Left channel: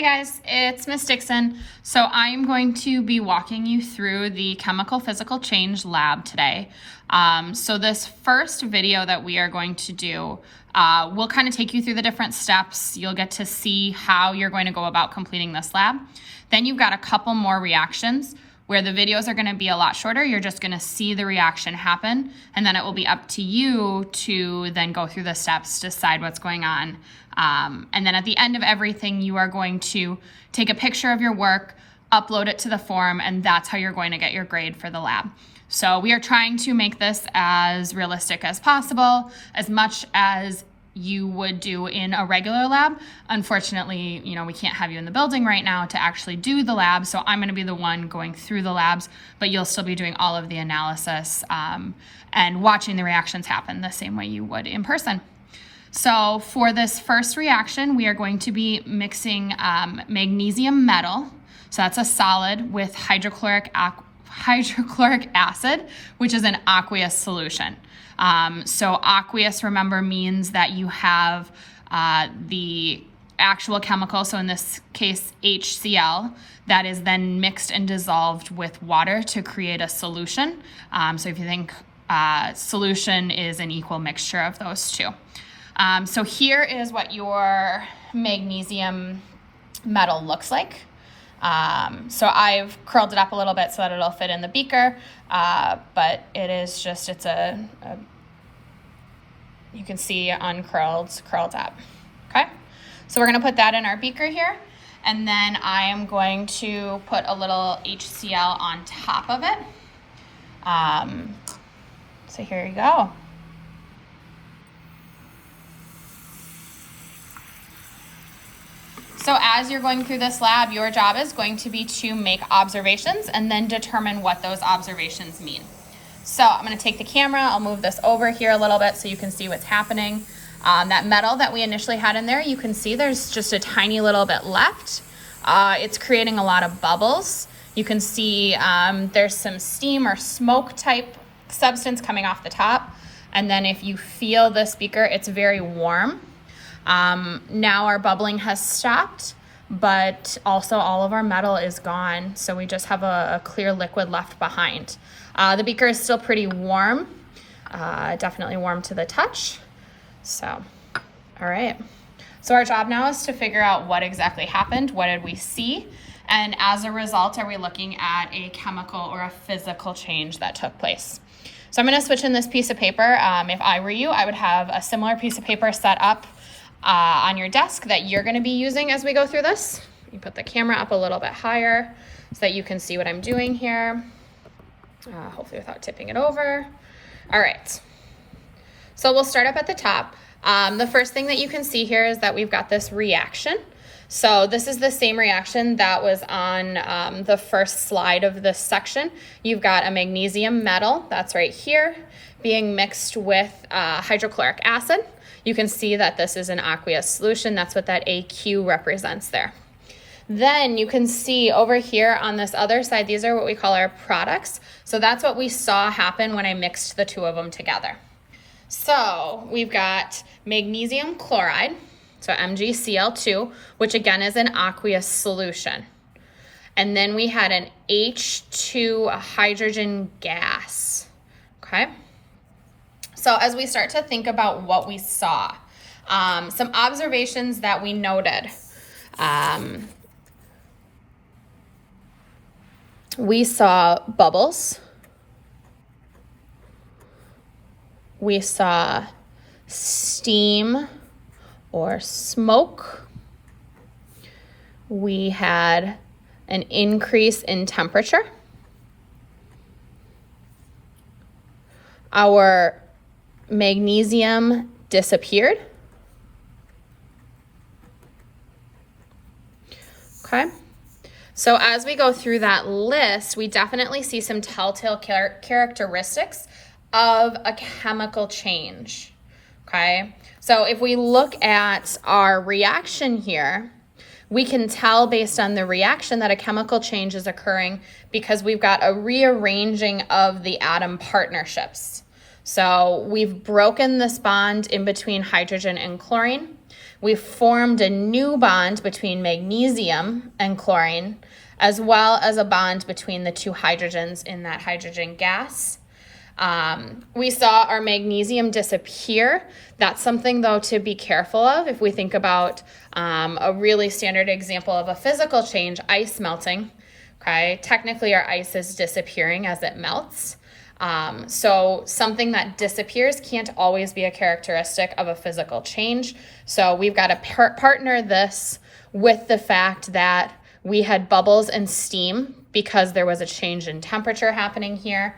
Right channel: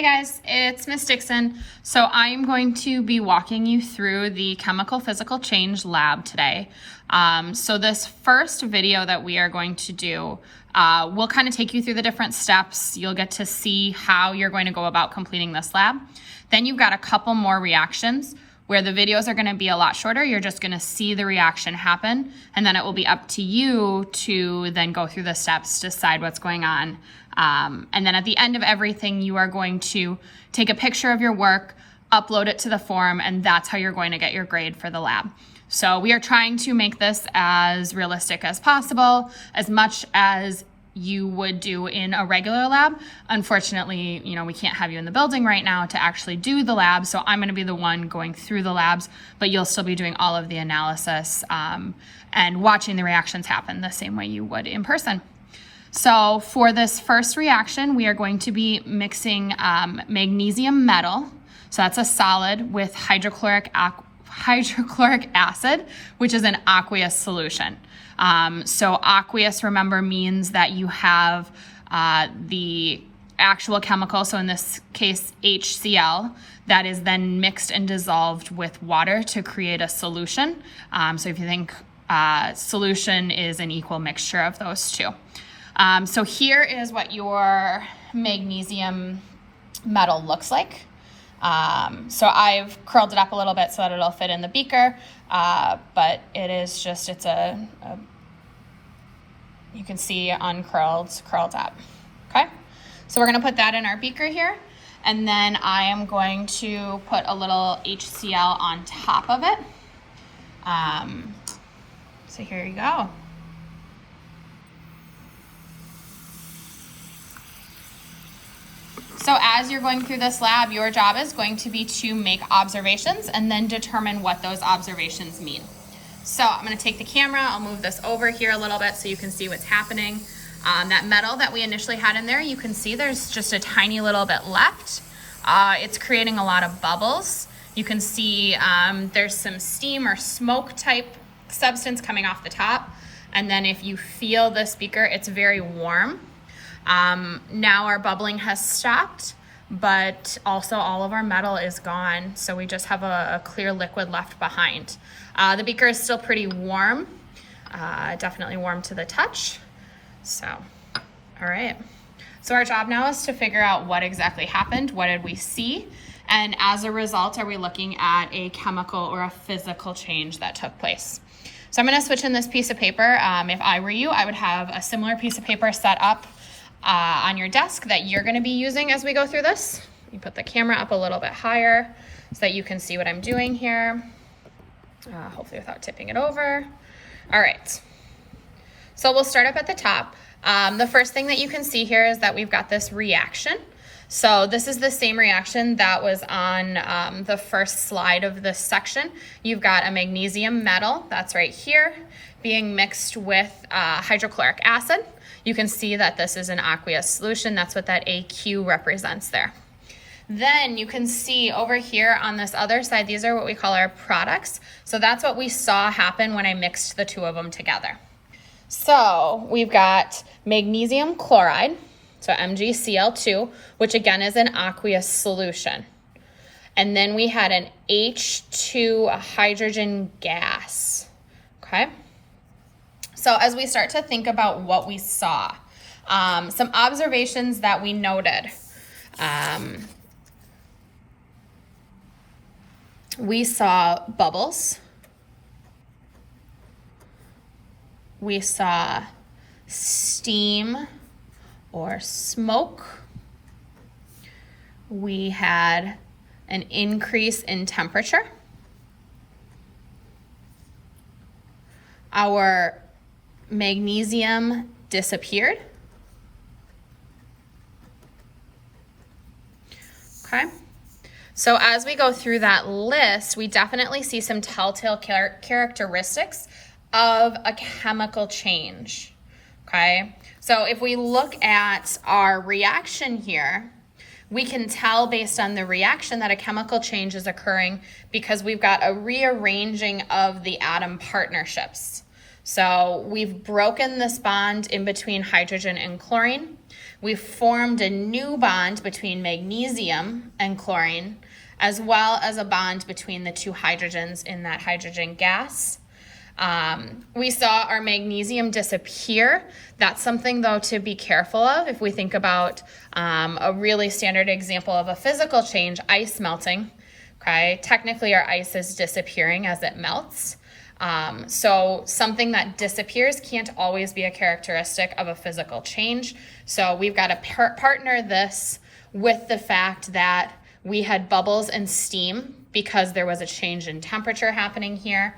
Hey guys, it's Miss Dixon. So I'm going to be walking you through the chemical physical change lab today. So this first video that we are going to do, we'll kind of take you through the different steps. You'll get to see how you're going to go about completing this lab. Then you've got a couple more reactions where the videos are going to be a lot shorter. You're just going to see the reaction happen, and then it will be up to you to then go through the steps, decide what's going on. And then at the end of everything, you are going to take a picture of your work, upload it to the form, and that's how you're going to get your grade for the lab. So we are trying to make this as realistic as possible, as much as you would do in a regular lab. Unfortunately, we can't have you in the building right now to actually do the lab, so I'm going to be the one going through the labs, but you'll still be doing all of the analysis and watching the reactions happen the same way you would in person. So for this first reaction, we are going to be mixing magnesium metal, so that's a solid, with hydrochloric acid, which is an aqueous solution. So aqueous, remember, means that you have the actual chemical, so in this case HCl, that is then mixed and dissolved with water to create a solution. So if you think solution is an equal mixture of those two. So here is what your magnesium metal looks like. So I've curled it up a little bit so that it'll fit in the beaker, but it is just, it's you can see uncurled, curled up, okay? So we're gonna put that in our beaker here, and then I am going to put a little HCl on top of it. So here you go. So as you're going through this lab, your job is going to be to make observations and then determine what those observations mean. So I'm going to take the camera, I'll move this over here a little bit so you can see what's happening. That metal that we initially had in there, you can see there's just a tiny little bit left. It's creating a lot of bubbles. You can see there's some steam or smoke type substance coming off the top. And then if you feel this beaker, it's very warm. Now our bubbling has stopped, but also all of our metal is gone. So we just have a clear liquid left behind. The beaker is still pretty warm, definitely warm to the touch. So, all right. So our job now is to figure out what exactly happened. What did we see? And as a result, are we looking at a chemical or a physical change that took place? So I'm going to switch in this piece of paper. If I were you, I would have a similar piece of paper set up on your desk that you're going to be using as we go through this. You put the camera up a little bit higher so that you can see what I'm doing here, hopefully without tipping it over. All right, so we'll start up at the top. The first thing that you can see here is that we've got this reaction. So this is the same reaction that was on the first slide of this section. You've got a magnesium metal, that's right here, being mixed with hydrochloric acid. You can see that this is an aqueous solution. That's what that AQ represents there. Then you can see over here on this other side, these are what we call our products. So that's what we saw happen when I mixed the two of them together. So we've got magnesium chloride, so Mg+HCl, which again is an aqueous solution. And then we had an H2 hydrogen gas, okay? So as we start to think about what we saw, some observations that we noted. We saw bubbles. We saw steam or smoke. We had an increase in temperature. Our magnesium disappeared. Okay. So as we go through that list, we definitely see some telltale characteristics of a chemical change. Okay. So if we look at our reaction here, we can tell based on the reaction that a chemical change is occurring because we've got a rearranging of the atom partnerships. So we've broken this bond in between hydrogen and chlorine. We've formed a new bond between magnesium and chlorine, as well as a bond between the two hydrogens in that hydrogen gas. We saw our magnesium disappear. That's something, though, to be careful of. If we think about a really standard example of a physical change, ice melting, okay? Technically, our ice is disappearing as it melts. So something that disappears can't always be a characteristic of a physical change. So we've got to partner this with the fact that we had bubbles and steam because there was a change in temperature happening here.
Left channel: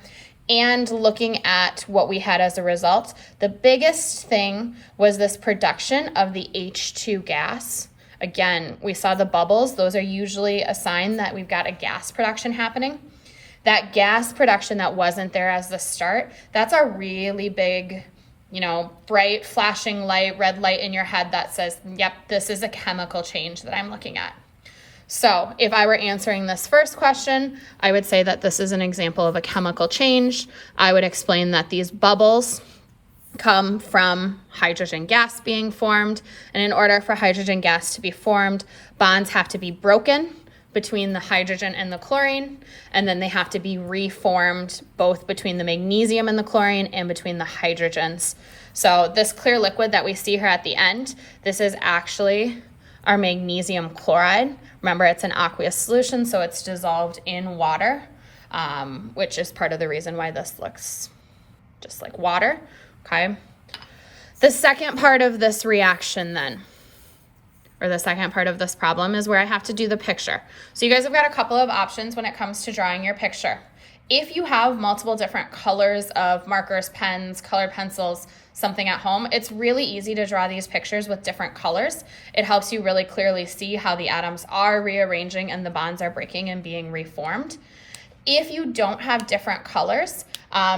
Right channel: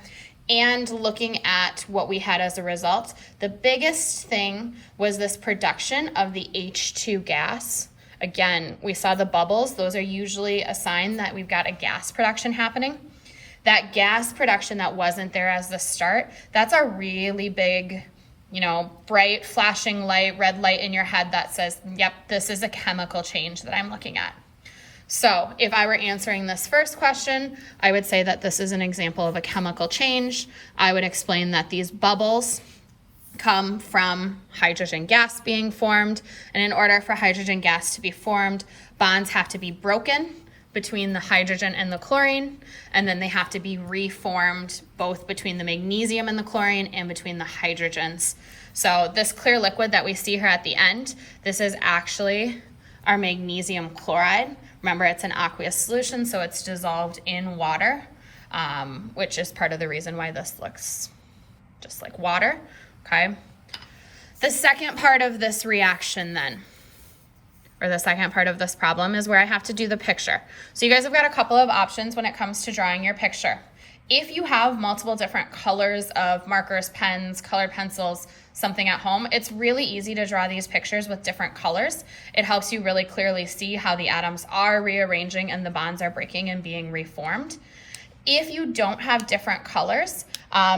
And looking at what we had as a result, the biggest thing was this production of the H2 gas. Again, we saw the bubbles. Those are usually a sign that we've got a gas production happening. That gas production that wasn't there as the start, that's a really big, bright flashing light, red light in your head that says, yep, this is a chemical change that I'm looking at. So if I were answering this first question, I would say that this is an example of a chemical change. I would explain that these bubbles come from hydrogen gas being formed. And in order for hydrogen gas to be formed, bonds have to be broken between the hydrogen and the chlorine, and then they have to be reformed both between the magnesium and the chlorine and between the hydrogens. So this clear liquid that we see here at the end, this is actually our magnesium chloride. Remember, it's an aqueous solution, so it's dissolved in water, which is part of the reason why this looks just like water, okay? The second part of this reaction then, or the second part of this problem, is where I have to do the picture. So you guys have got a couple of options when it comes to drawing your picture. If you have multiple different colors of markers, pens, colored pencils, something at home, it's really easy to draw these pictures with different colors. It helps you really clearly see how the atoms are rearranging and the bonds are breaking and being reformed. If you don't have different colors,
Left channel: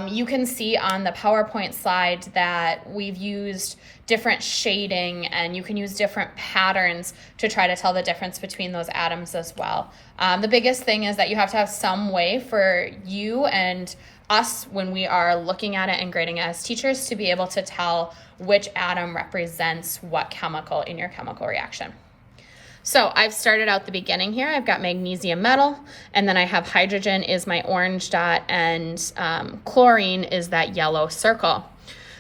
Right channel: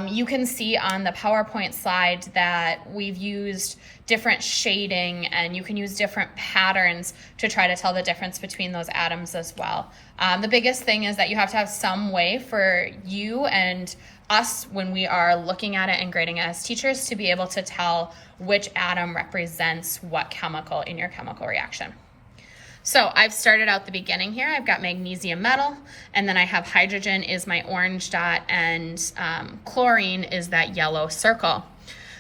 you can see on the PowerPoint slide that we've used different shading, and you can use different patterns to try to tell the difference between those atoms as well. The biggest thing is that you have to have some way for you and us, when we are looking at it and grading it as teachers, to be able to tell which atom represents what chemical in your chemical reaction. So I've started out the beginning here. I've got magnesium metal, and then I have hydrogen is my orange dot, and chlorine is that yellow circle.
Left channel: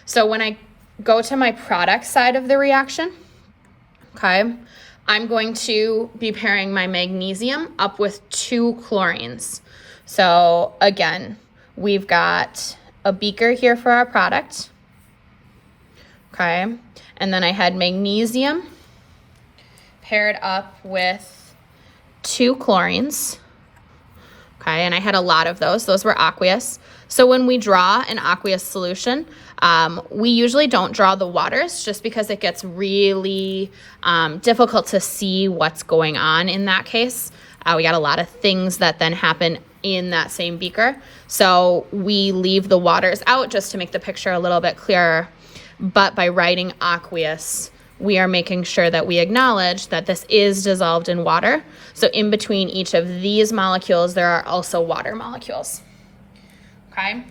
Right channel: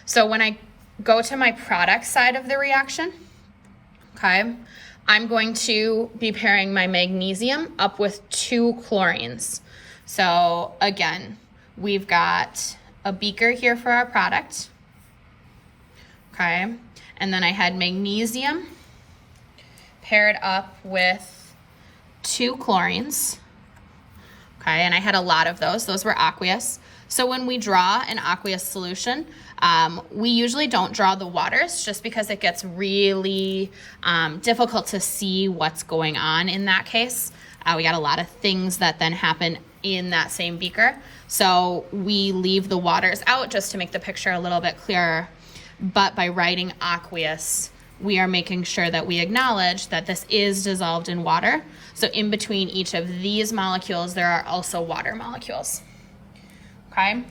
So when I go to my product side of the reaction, okay, I'm going to be pairing my magnesium up with 2 chlorines. So again, we've got a beaker here for our product, okay, and then I had magnesium paired up with 2 chlorines, okay, and I had a lot of those. Those were aqueous. So when we draw an aqueous solution, we usually don't draw the waters just because it gets really difficult to see what's going on in that case. We got a lot of things that then happen in that same beaker. So we leave the waters out just to make the picture a little bit clearer. But by writing aqueous, we are making sure that we acknowledge that this is dissolved in water. So in between each of these molecules, there are also water molecules. Okay.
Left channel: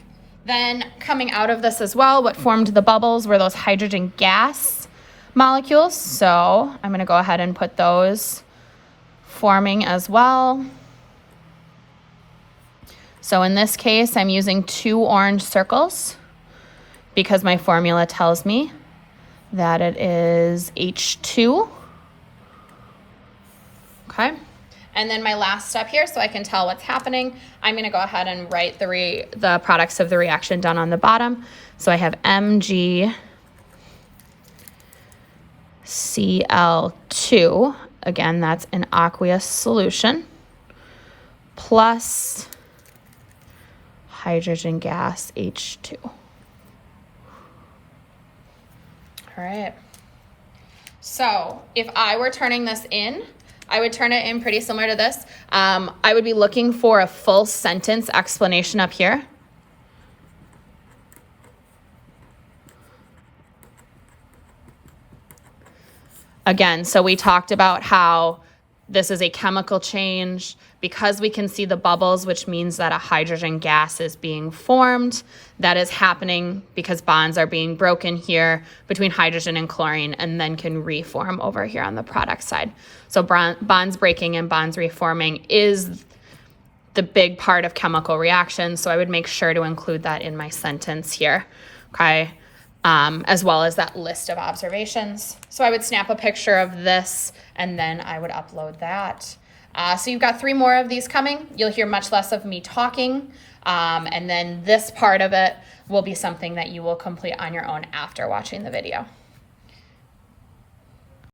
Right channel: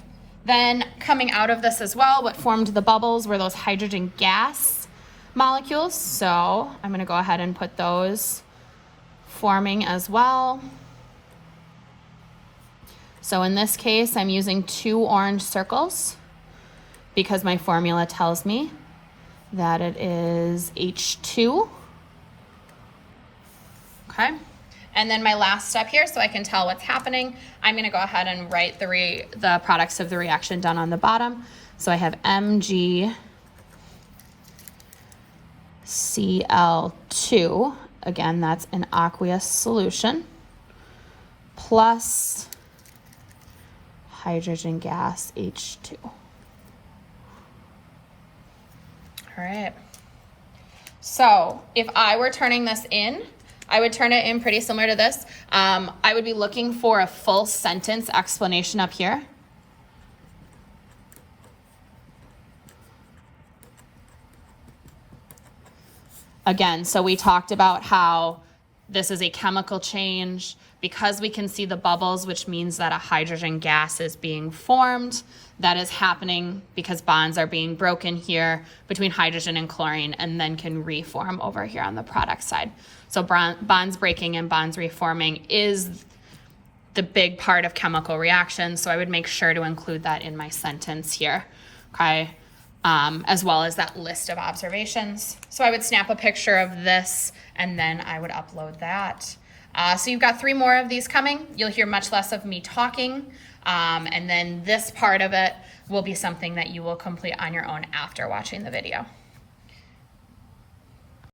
Then coming out of this as well, what formed the bubbles were those hydrogen gas molecules. So I'm going to go ahead and put those forming as well. So in this case, I'm using 2 orange circles because my formula tells me that it is H2. Okay. And then my last step here, so I can tell what's happening, I'm going to go ahead and write the products of the reaction down on the bottom. So I have Mg+HCl2. Again, that's an aqueous solution, plus hydrogen gas H2. All right. So if I were turning this in, I would turn it in pretty similar to this. I would be looking for a full sentence explanation up here. Again, so we talked about how This is a chemical change. Because we can see the bubbles, which means that a hydrogen gas is being formed. That is happening because bonds are being broken here between hydrogen and chlorine and then can reform over here on the product side. So bonds breaking and bonds reforming is the big part of chemical reactions. So I would make sure to include that in my sentence here, okay? As well as that list of observations. So I would snap a picture of this and then I would upload that. So you've got 3 more of these coming. You'll hear much less of me talking. And then this part of it will be something that you will complete on your own after watching the video.